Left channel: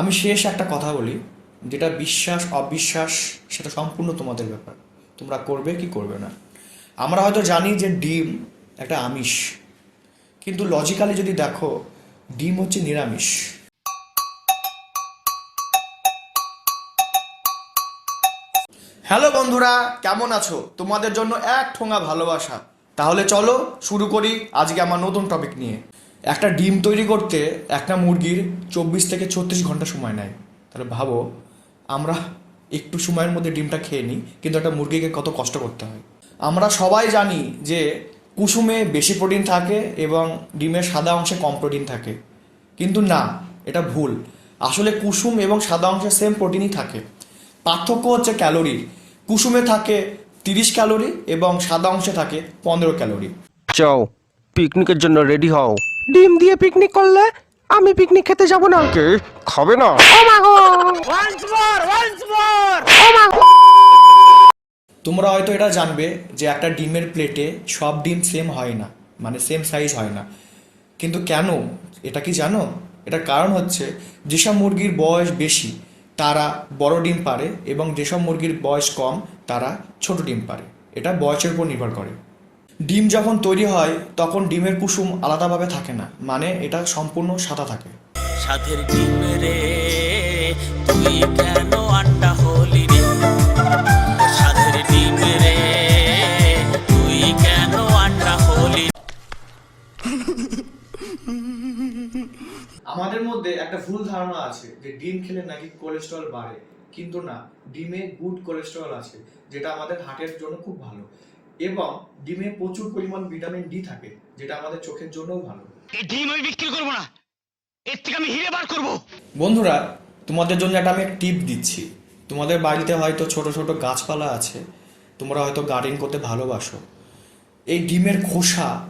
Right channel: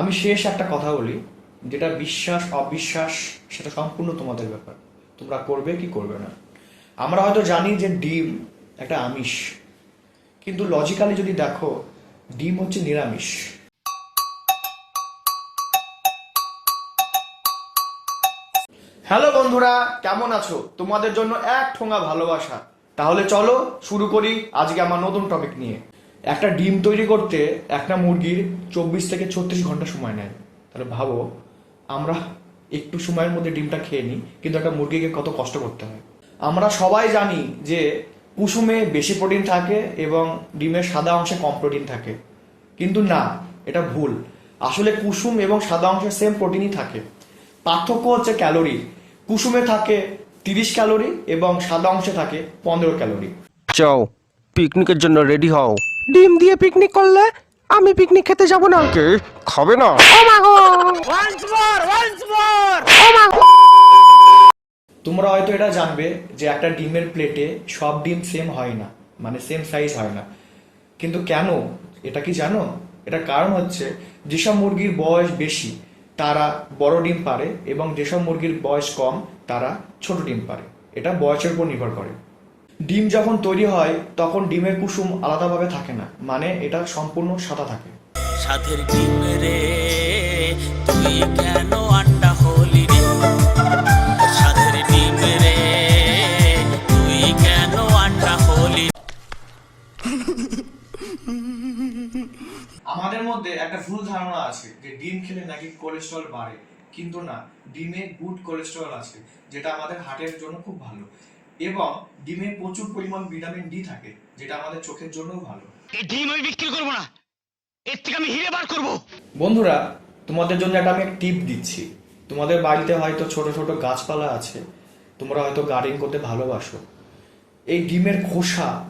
আমি শেষ একটা কথা বলি, যেটা বিশ্বাস, অবিশ্বাস, সেটা সম্পূর্ণ তোমাদের ব্যাপার। তোমরা করবে কি করবে না। আমরা হয়তো জানি যে ডিম একটা আমিষ, কিন্তু লজিক্যালি যদি দেখো, ডিম হচ্ছে নিরামিষ। হ্যালো বন্ধুরা, কেমন আছো? তোমাদের জন্য এক ঠোঙা ভালোবাসা। তাহলে চলো শুরু করি আজকে আমার নতুন টপিক নিয়ে। একটা ডিম তৈরি করতে একটা মুরগির চব্বিশ থেকে ছত্রিশ ঘণ্টা সময় নেয়। তাহলে ভাবো, আমরা একটু সময়ের মধ্যে ডিমটা খেয়ে নিই, কিন্তু একটা মুরগিকে কত কষ্ট করতে হয়। আমরা সবাই জানি যে কুসুমে বেশি প্রোটিন থাকে এবং ডিমের সাদা অংশে কম প্রোটিন থাকে। কিন্তু না, এটা ভুল। আসলে কুসুম এবং সাদা অংশে সেম প্রোটিনই থাকে। পার্থক্য হচ্ছে ক্যালোরি কুসুমে থাকে তিরিশ ক্যালোরি এবং সাদা অংশে থাকে পনেরো ক্যালোরি যাও পিকনিকের জন্য রেডি হও। ডিম দিয়ে পিকনিক করলে আমি পিকনিক খেতে যাব না। কে? খাবে না। ও মা গো। ওয়ান্স মোর ওয়ান্স মোর ও মা গো। তোমরা হয়তো এটা জানবে যে একটা ডিমের প্লেটে সব ডিম সেম হয় না মানে সেম সাইজ হয় না। কিন্তু কেন? এটা কি জানো? এটা কারণ হচ্ছে যেসব মুরগির বয়স বেশি তারা বড় ডিম পারে এবং যেসব মুরগির বয়স কম তারা ছোট ডিম পারে। এটা বয়সের উপর নির্ভর করে। ডিম যখন তৈরি হয় তখন ডিমের কুসুম আলাদাভাবে থাকে না। মানে এটা সম্পূর্ণ সাদা থাকে। সাথের ডিম রে তুই কেন আন্ডা হলি রে? সাথের ডিম রে তুই কেন আন্ডা হলি আমাদের মধ্যে একটা ভুল ধারণা আছে যে ডিম খেলে নাকি কোলেস্ট্রল বাড়ে। কিন্তু না ডিমে গুড কোলেস্ট্রল আছে যেটা আমাদের হার্টের জন্য খুব ভালো। এবং ডিমে প্রচুর পরিমাণ ভিটামিন ডি থাকে যেটা আমাদের চোখের জন্যও ভালো। এই ডিম আমি বিক্রি করব না। এর থেকে আমি হিরে বার করব। বন্ধুরা তোমাদের জন্য একটা আমি টিপ দিচ্ছি। তোমাদের বাড়িতে হয়তো ছোট ছোট গাছপালা আছে তোমরা হয়তো গার্ডেন করতে ভালোবাসো। এই ডিমের খোসা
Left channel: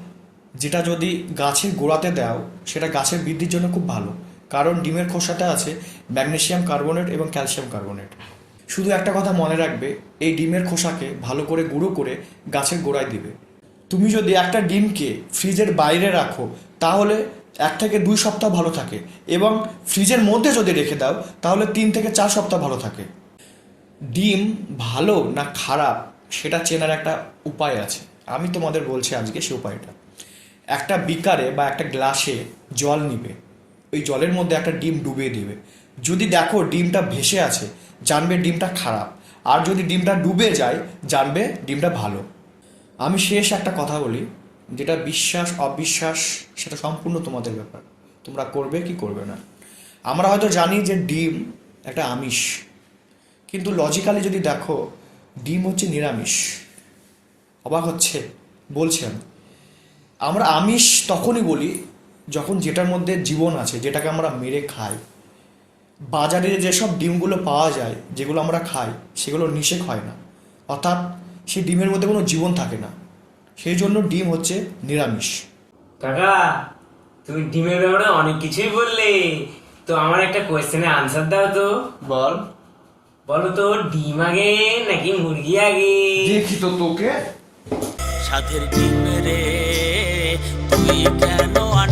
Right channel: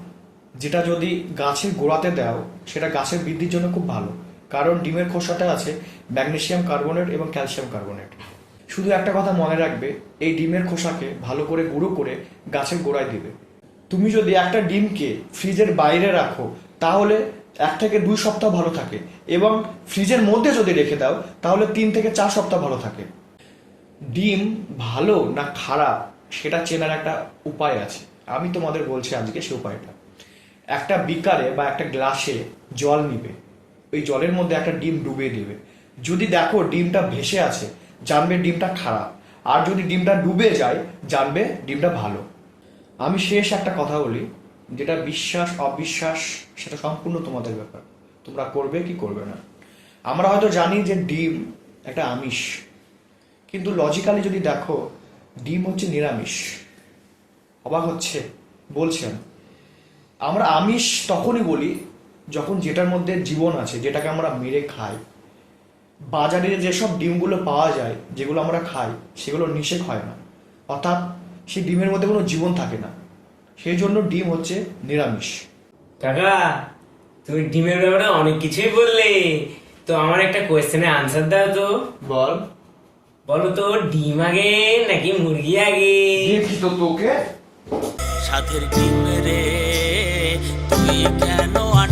যেটা যদি গাছের গোড়াতে দাও সেটা গাছের বৃদ্ধির জন্য খুব ভালো। কারণ ডিমের খোসাটা আছে ম্যাগনেসিয়াম কার্বনেট এবং ক্যালসিয়াম কার্বনেট। শুধু একটা কথা মনে রাখবে, এই ডিমের খোসাকে ভালো করে গুঁড়ো করে গাছের গোড়ায় দিবে। তুমি যদি একটা ডিমকে ফ্রিজের বাইরে রাখো, তাহলে এক থেকে দুই সপ্তাহ ভালো থাকে এবং ফ্রিজের মধ্যে যদি রেখে দাও, তাহলে তিন থেকে চার সপ্তাহ ভালো থাকে। ডিম ভালো না খারাপ, সেটা চেনার একটা উপায় আছে। আমি তোমাদের বলছি আজকে সে উপায়টা। একটা বিকারে বা একটা গ্লাসে জল নিবে। ওই জলের মধ্যে একটা ডিম ডুবিয়ে দিবে। যদি দেখো ডিমটা ভেসে আছে, জানবে ডিমটা খারাপ। আর যদি ডিমটা ডুবে যায়, জানবে ডিমটা ভালো। আমি শেষ একটা কথা বলি, যেটা বিশ্বাস, অবিশ্বাস, সেটা সম্পূর্ণ তোমাদের ব্যাপার। তোমরা করবে কি করবে না। আমরা হয়তো জানি যে ডিম একটা আমিষ। কিন্তু লজিক্যালি যদি দেখো, ডিম হচ্ছে নিরামিষ। অবাক হচ্ছে বলছেন আমরা আমিষ তখনই বলি, যখন যেটার মধ্যে জীবন আছে, যেটাকে আমরা মেরে খাই। বাজারে যেসব ডিমগুলো পাওয়া যায় যেগুলো আমরা খাই সেগুলো নিষেক হয় না। অর্থাৎ সেই ডিমের মধ্যে কোনো জীবন থাকে না। সেই জন্য ডিম হচ্ছে নিরামিষ। কাকা তুমি ডিমের ব্যাপারে অনেক কিছুই বললে। তো আমার একটা কোয়েশ্চেনের আনসার দাও তো। বল। বলো তো ডিম আগে নাকি মুরগি আগে? দেখি তো তোকে। সাথের ডিম রে তুই কেন আন্ডা